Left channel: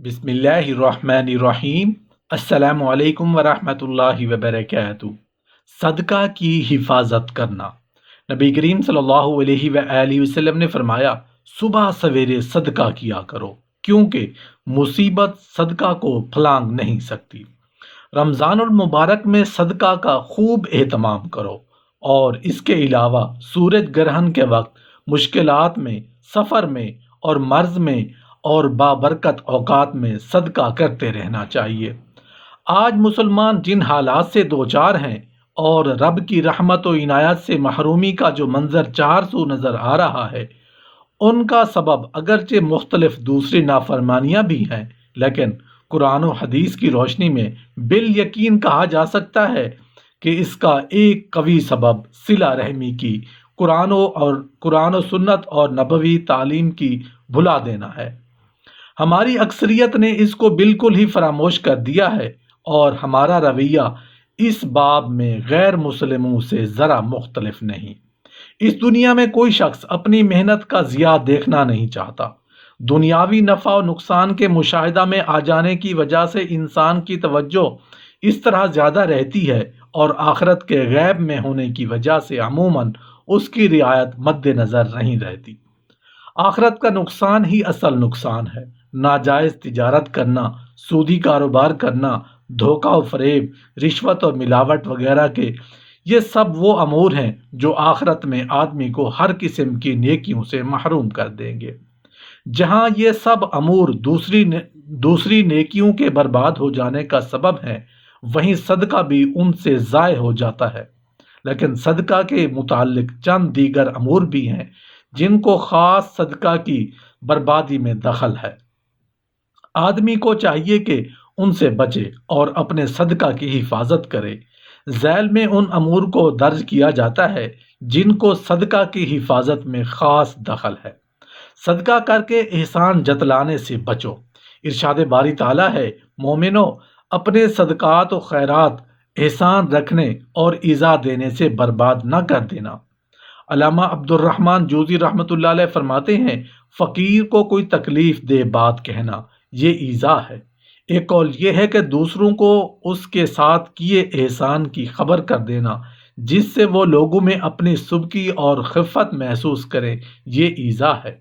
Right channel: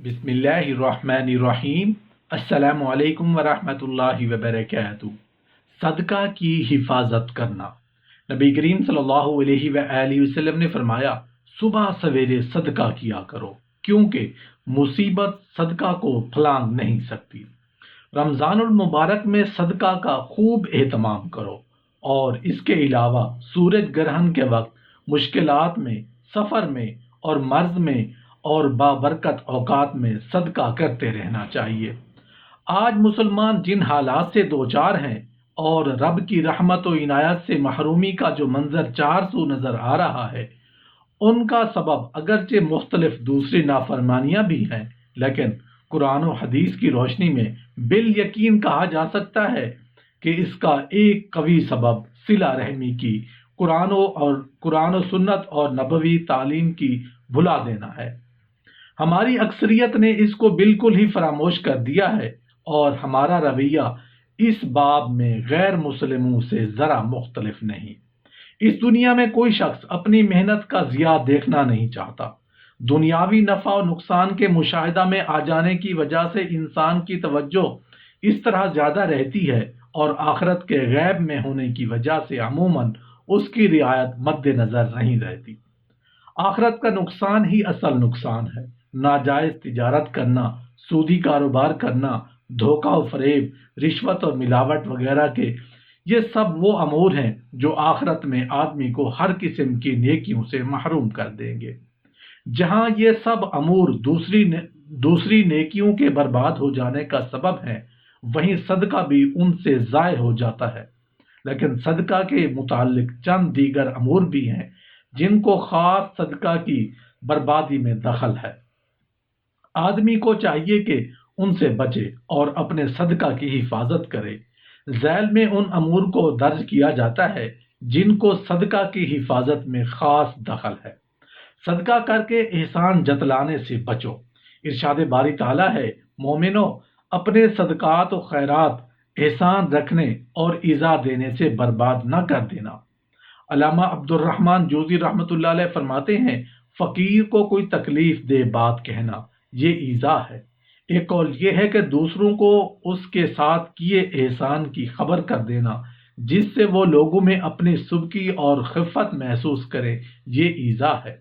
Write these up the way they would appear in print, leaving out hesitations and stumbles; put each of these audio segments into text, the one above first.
بسم اللہ الرحمن الرحیم۔ السلام علیکم ورحمۃ اللہ وبرکاتہ۔ صدقہ کی حفاظت کرنا۔ نبی کریم صلی اللہ علیہ وآلہ وسلم نے فرمایا، صبح سویرے صدقہ کیا کرو کیونکہ مصیبت صدقہ کو پھلانگ نہیں سکتی۔ رمضان المبارک میں صدقہ کا خوب اہتمام کرو، اور اس کے علاوہ سورج گرہن کے وقت، مشکلات میں، سفر میں اور مرض میں اور بابرکت اوقات میں صدقہ کرتے رہنا چاہیے۔ آج مسلمان جن حالات سے دوچار ہیں اور رب کی رحمت و عنایت سے محرومی کا جو منظر چار سو نظر آ رہا ہے، ان کا سبب اگرچہ مختلف دوسری نافرمانیاں بھی ہیں، لیکن قرآن و حدیث کی روشنی میں بالیقین کہا جا سکتا ہے کہ اس کا ایک قوی سبب صلہ رحمی کی، قرآن و سنت اور نبوی تعلیم کی بھلا دینا ہے۔ ہماری اکثریت نے اس کو بالکل ہی فراموش کر دیا ہے، اور ہمارا رویہ اس باب میں غیر مسلموں سے ذرا مختلف نہیں۔ اس دنیا میں کوئی شخص اپنی محنت کا ضیاع دیکھنا نہیں چاہتا۔ دنیاوی نفع و نقصان کے مشاہدہ میں آ جانے کی وجہ سے انسان کی توجہ اس طرح زیادہ رہتی ہے، اور آخرت کے غیب میں ہونے کی وجہ سے عموماً اس کی رعایت مد نظر نہیں رہتی۔ آخرت کا نقصان ہی اصل نقصان ہے۔ ناجائز تجارت کرنا، سودی کاروبار کرنا، دھوکہ و فریب، رشوت اور ملاوٹ وغیرہ کے، یہ سب وہ امور ہیں جو آخرت میں آدمی کو ہر قسم کی نیکیوں سے محروم کر دیں گے۔ جہاں یہ سب امور دوسری نیکیوں کے برباد ہو جانے کا سبب ہیں، وہیں صدقہ بھی ان سے ضائع ہو جاتا ہے۔ لیکن صدقہ کے متعلق چند دیگر امور بھی ہیں جن کو خاص صدقہ کی بربادی میں دخل ہے۔ آدمی کو چاہیے کہ ان سے بچے اور اپنے صدقہ کی حفاظت کرے۔ ذیل میں ان امور کو درج کیا جاتا ہے جن کو صدقہ کی حفاظت میں خاص دخل ہے۔ صدقہ کر کے احسان جتلانے سے بچو۔ ارشاد باری تعالیٰ ہے، مومنو، اپنے صدقات و خیرات احسان رکھنے اور ایذا دینے سے برباد نہ کر دینا۔ علامہ عبد الرحمن جوزی رحمۃ اللہ علیہ فرماتے ہیں، فقیر کو کوئی تکلیف دہ بات کہنا یہ ایذا ہے۔ ایک قول یہ ہے کہ دوسروں کو اس کے ساتھ کیے احسان کی خبر کر دینا جس سے وہ لوگوں میں اپنی سبکی اور خفت محسوس کریں، یہ ایذا ہے۔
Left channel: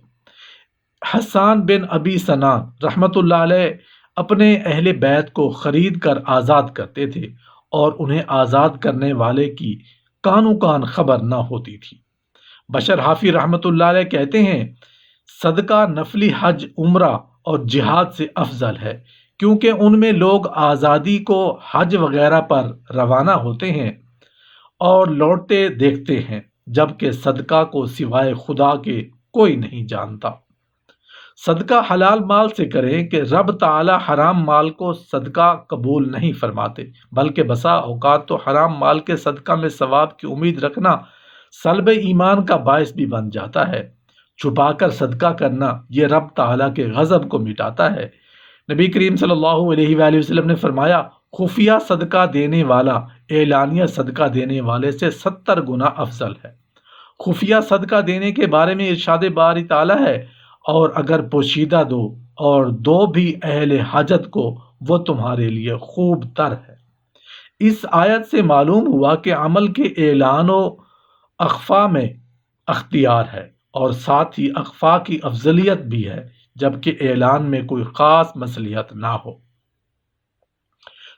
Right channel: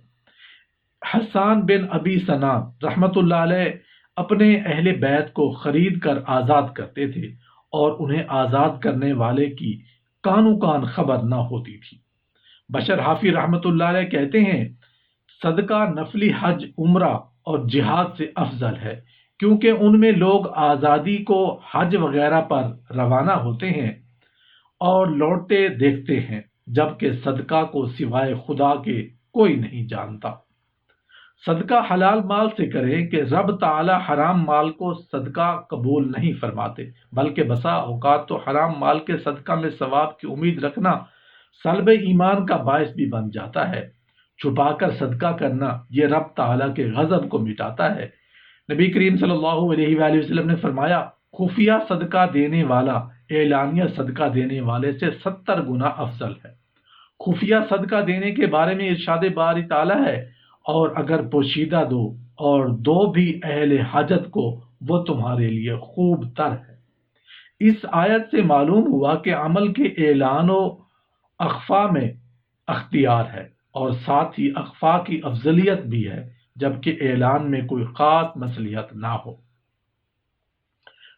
حسان بن ابی ثنا رحمۃ اللہ علیہ اپنے اہل بیت کو خرید کر آزاد کرتے تھے، اور انہیں آزاد کرنے والے کی کانوں کان خبر نہ ہوتی تھی۔ بشر حافی رحمۃ اللہ علیہ کہتے ہیں، صدقہ نفلی حج، عمرہ اور جہاد سے افضل ہے، کیونکہ ان میں لوگ آزادی کو حج وغیرہ پر روانہ ہوتے ہیں اور لوٹتے دیکھتے ہیں، جبکہ صدقہ کو سوائے خدا کے کوئی نہیں جانتا۔ صدقہ حلال مال سے کریں کہ رب تعالی حرام مال کو صدقہ قبول نہیں فرماتے، بلکہ بسا اوقات تو حرام مال کے صدقہ میں ثواب کی امید رکھنا سلب ایمان کا باعث بھی بن جاتا ہے۔ چھپا کر صدقہ کرنا یہ رب تعالیٰ کے غضب کو مٹاتا ہے۔ نبی کریم صلی اللہ علیہ وآلہ وسلم نے فرمایا، خفیہ صدقہ دینے والا اعلانیہ صدقہ دینے والے سے 70 گنا افضل ہے۔ خفیہ صدقہ دینے کے بارے میں ارشاد باری تعالیٰ ہے، اور اگر پوشیدہ دو اور دو بھی اہل حاجت کو، وہ تمہارے لیے خوب تر ہے۔ اس آیت سے معلوم ہوا کہ عمل کے اعلان و اخفا میں اختیار ہے، اور ساتھ ہی اخفا کی افضلیت بھی ہے، جبکہ اعلان میں کوئی خاص مصلحت نہ ہو۔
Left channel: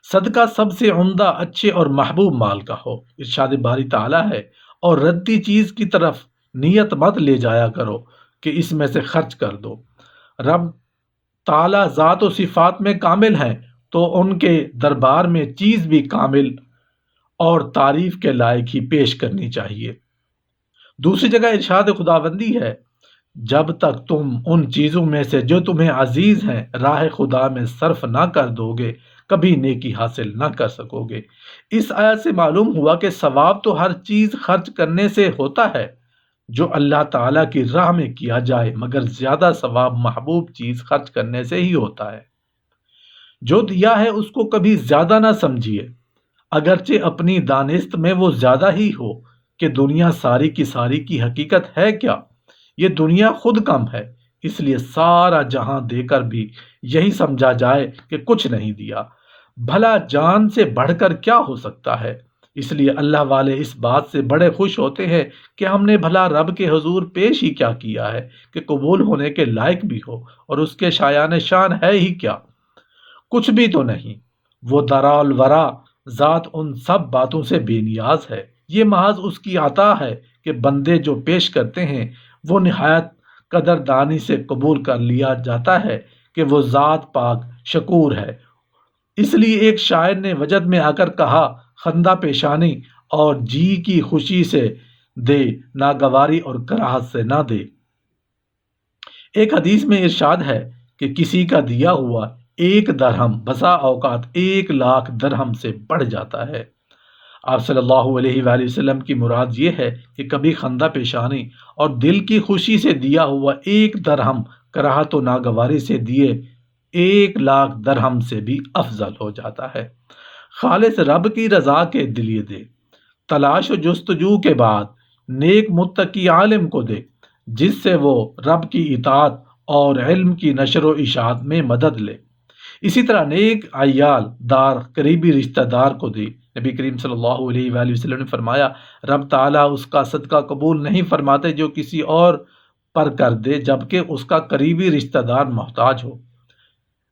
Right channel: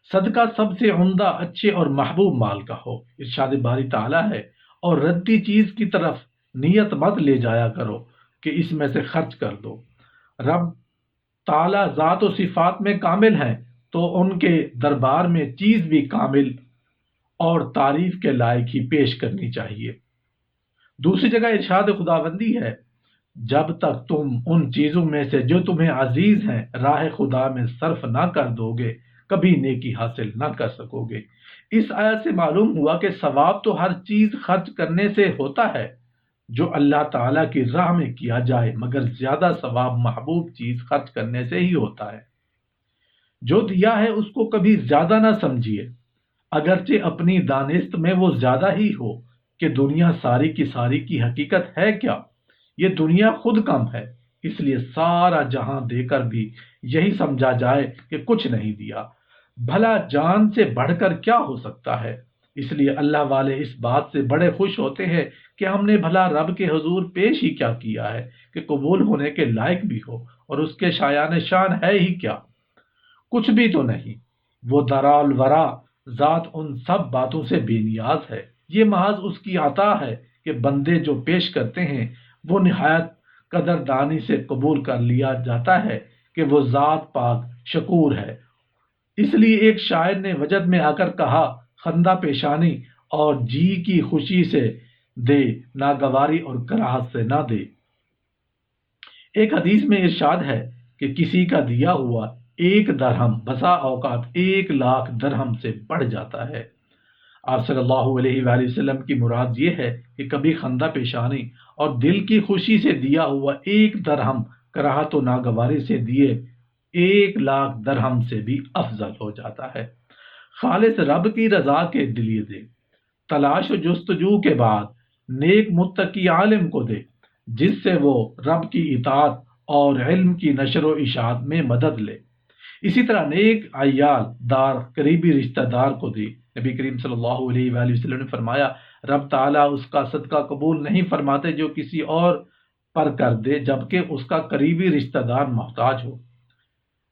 صدقہ سب سے عمدہ، اچھے اور محبوب مال کا ہو۔ ارشاد باری تعالیٰ ہے، اور ردی چیز کی طرف نیت مت لے جایا کرو کہ اس میں سے خرچ کر دو۔ رب تعالیٰ ذات و صفات میں کامل ہیں، تو ان کے دربار میں چیز بھی کامل اور تعریف کے لائق ہی پیش کرنی چاہیے۔ دوسری جگہ ارشاد خداوندی ہے، جب تک تم ان چیزوں میں سے جو تمہیں عزیز ہیں راہ خدا میں صرف نہ کر دو گے، کبھی نیکی حاصل نہ کر سکو گے۔ اس آیت سے معلوم ہوا کہ ثواب تو ہر چیز خرچ کرنے سے ہوتا ہے جو اللہ تعالیٰ کی راہ میں کیا جائے، مگر زیادہ ثواب محبوب چیز خرچ کرنے سے ہی ہوتا ہے۔ جو دیا ہے اس کو کبھی زیادہ نہ سمجھیے، اگرچہ اپنی دانست میں وہ زیادہ ہی ہو، کہ دنیا ساری کی ساری کی حقیقت ہے کیا؟ یہ دنیا خود کم ہے، اس لیے سارا جہاں دے کر بھی یہی سمجھا جائے کہ کچھ نہیں دیا۔ بھلا جان سے بڑھ کر کیا ہو سکتا ہے؟ اس لیے اللہ والے اس بات سے بڑے خوش ہوتے ہیں کہ ہم نے بھلا رب کے حضور پیش ہی کیا کیا ہے کہ قبول ہونے کے لائق بھی ہو، اور اس کے شایان شان ہے ہی کیا؟ کچھ بھی تو نہیں۔ وہ درال ورا ذات ان سب باتوں سے بے نیاز ہے۔ یہ محض اس کی عطا ہے کہ بندے جو پیش کرتے ہیں وہ نہایت قدردانی سے قبول کر لیا جاتا ہے کہ وہ ذات پاک شکور ہے۔ اس لیے ایک شاعر نے وجد میں آ کر کہا، خندہ پیشانی اور جی کی خوشی سے دے، ناگواری اور کراہت سے نہ دے۔ ایک حدیث میں ارشاد ہے کہ کسی کا دیا ہوا 1 درہم بسا اوقات 1,00,000 درہم سے بڑھ جاتا ہے۔ آپ صلی اللہ علیہ وآلہ وسلم کی مراد یہ ہے کہ کبھی خندہ پیشانی اور دل کی خوشی سے دیا ہوا 1 درہم کراہت و ناگواری سے دیے 1,00,000 درہم سے بھی افضل ہو جاتا ہے۔ خالص رب کی رضا کے لیے دے، تلاش و جستجو کے بعد نیک متقی عالم کو دے، جس سے وہ رب کی اطاعت اور علم کی نشر و اشاعت میں مدد لے۔ اسی طرح نیک عیال دار قریبی رشتہ دار کو دے۔ نبی کریم صلی اللہ علیہ وآلہ وسلم نے فرمایا، رب تعالیٰ اس کا صدقہ قبول نہیں فرماتے جو کسی اور پر کر دے جبکہ اس کا قریبی رشتہ دار محتاج ہو۔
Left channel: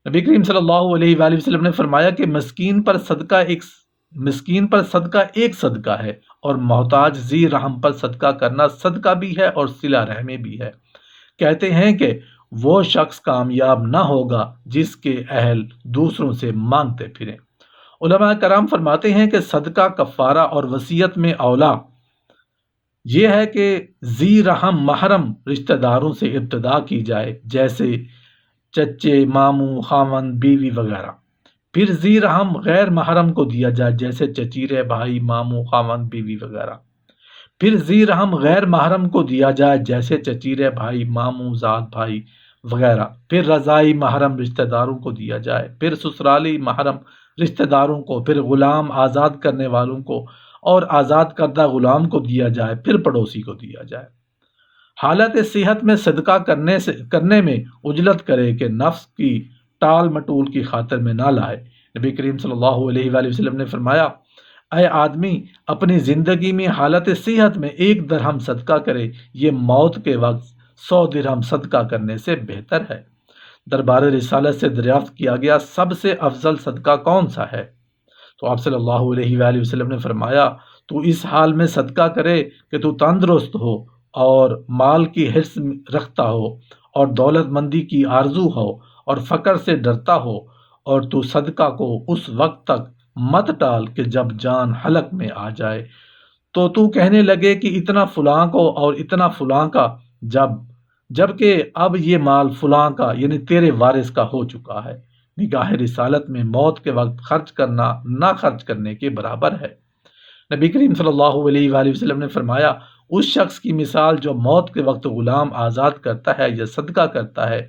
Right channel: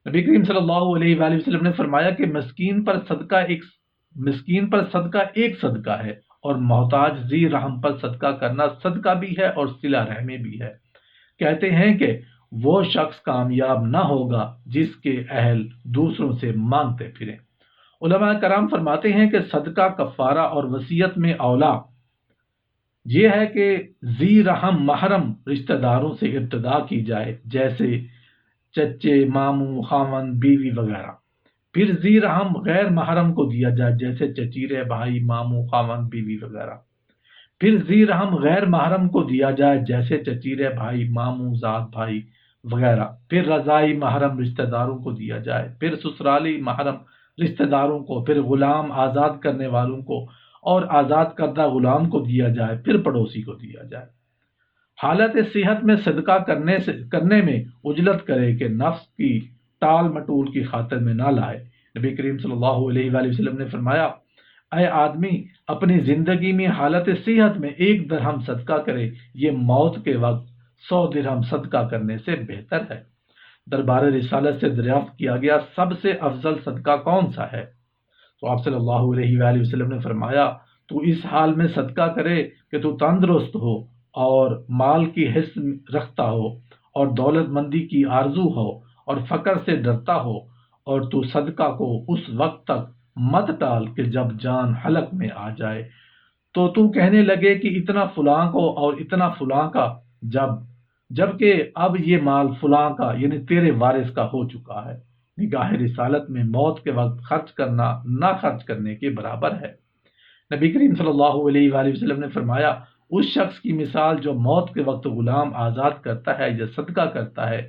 نبی کریم صلی اللہ علیہ وآلہ وسلم نے فرمایا کہ مسکین پر صدقہ ایک صدقہ ہے، اور محتاج ذی رحم پر صدقہ کرنا صدقہ بھی ہے اور صلہ رحمی بھی ہے۔ کہتے ہیں کہ وہ شخص کامیاب نہ ہوگا جس کے اہل دوسروں سے مانگتے پھریں۔ علماء کرام فرماتے ہیں کہ صدقہ، کفارہ اور وصیت میں اولا یہ ہے کہ ذی رحم محرم رشتہ داروں سے ابتدا کی جائے، جیسے چچے، ماموں، خاوند، بیوی وغیرہ۔ پھر ذی رحم غیر محرم کو دیا جائے، جیسے چچیرے بھائی، ماموں، خاوند، بیوی وغیرہ۔ پھر ذی رحم غیر محرم کو دیا جائے، جیسے چچیرے بھائی، ماموں، زاد بھائی وغیرہ۔ پھر رضائی محرم رشتہ داروں کو دیا جائے، پھر سسرالی محرم رشتہ داروں کو، پھر غلام آزاد کرنے والوں کو اور آزاد کردہ غلام کو دیا جائے، پھر پڑوسی کو دیا جائے۔ حالت صحت میں صدقہ کرنے میں عجلت کرے کہ نفس کی ٹال مٹول کی خاطر میں نہ لائے۔ نبی کریم صلی اللہ علیہ وآلہ وسلم نے فرمایا، اے آدمی اپنی زندگی میں حالت صحت میں 1 درہم صدقہ کرے، یہ موت کے وقت 100 درہم صدقہ کرنے سے بہتر ہے۔ دربار رسالت سے دریافت کیا گیا، سب سے افضل صدقہ کون سا ہے؟ تو آپ صلی اللہ علیہ وآلہ وسلم نے فرمایا، تو اس حال میں صدقہ کرے کہ تو تندرست ہو اور مال کی حرص رکھتا ہو اور دولت مندی کی آرزو ہو اور فقر سے ڈرتا ہو، اور تو صدقہ کو اس وقت تک مت ٹال کہ جب جان حلق میں آ جائے، تو کہنے لگے کہ اتنا فلاں کو اور اتنا فلاں کا، جبکہ اب یہ مال فلاں کا یعنی تیرے وارث کا ہو چکا ہے۔ نگاہ رسالت میں موت کے وقت خرچ کرنا نہ خرچ کرنے کے برابر ہے۔ نبی کریم صلی اللہ علیہ وآلہ وسلم نے فرمایا، اس شخص کی مثال جو موت کے وقت غلام آزاد کرتا ہے یا صدقہ کرتا ہے،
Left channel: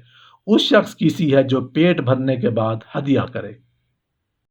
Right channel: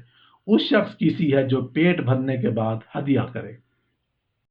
اس شخص کی سی ہے جو پیٹ بھرنے کے بعد ہدیہ کرے۔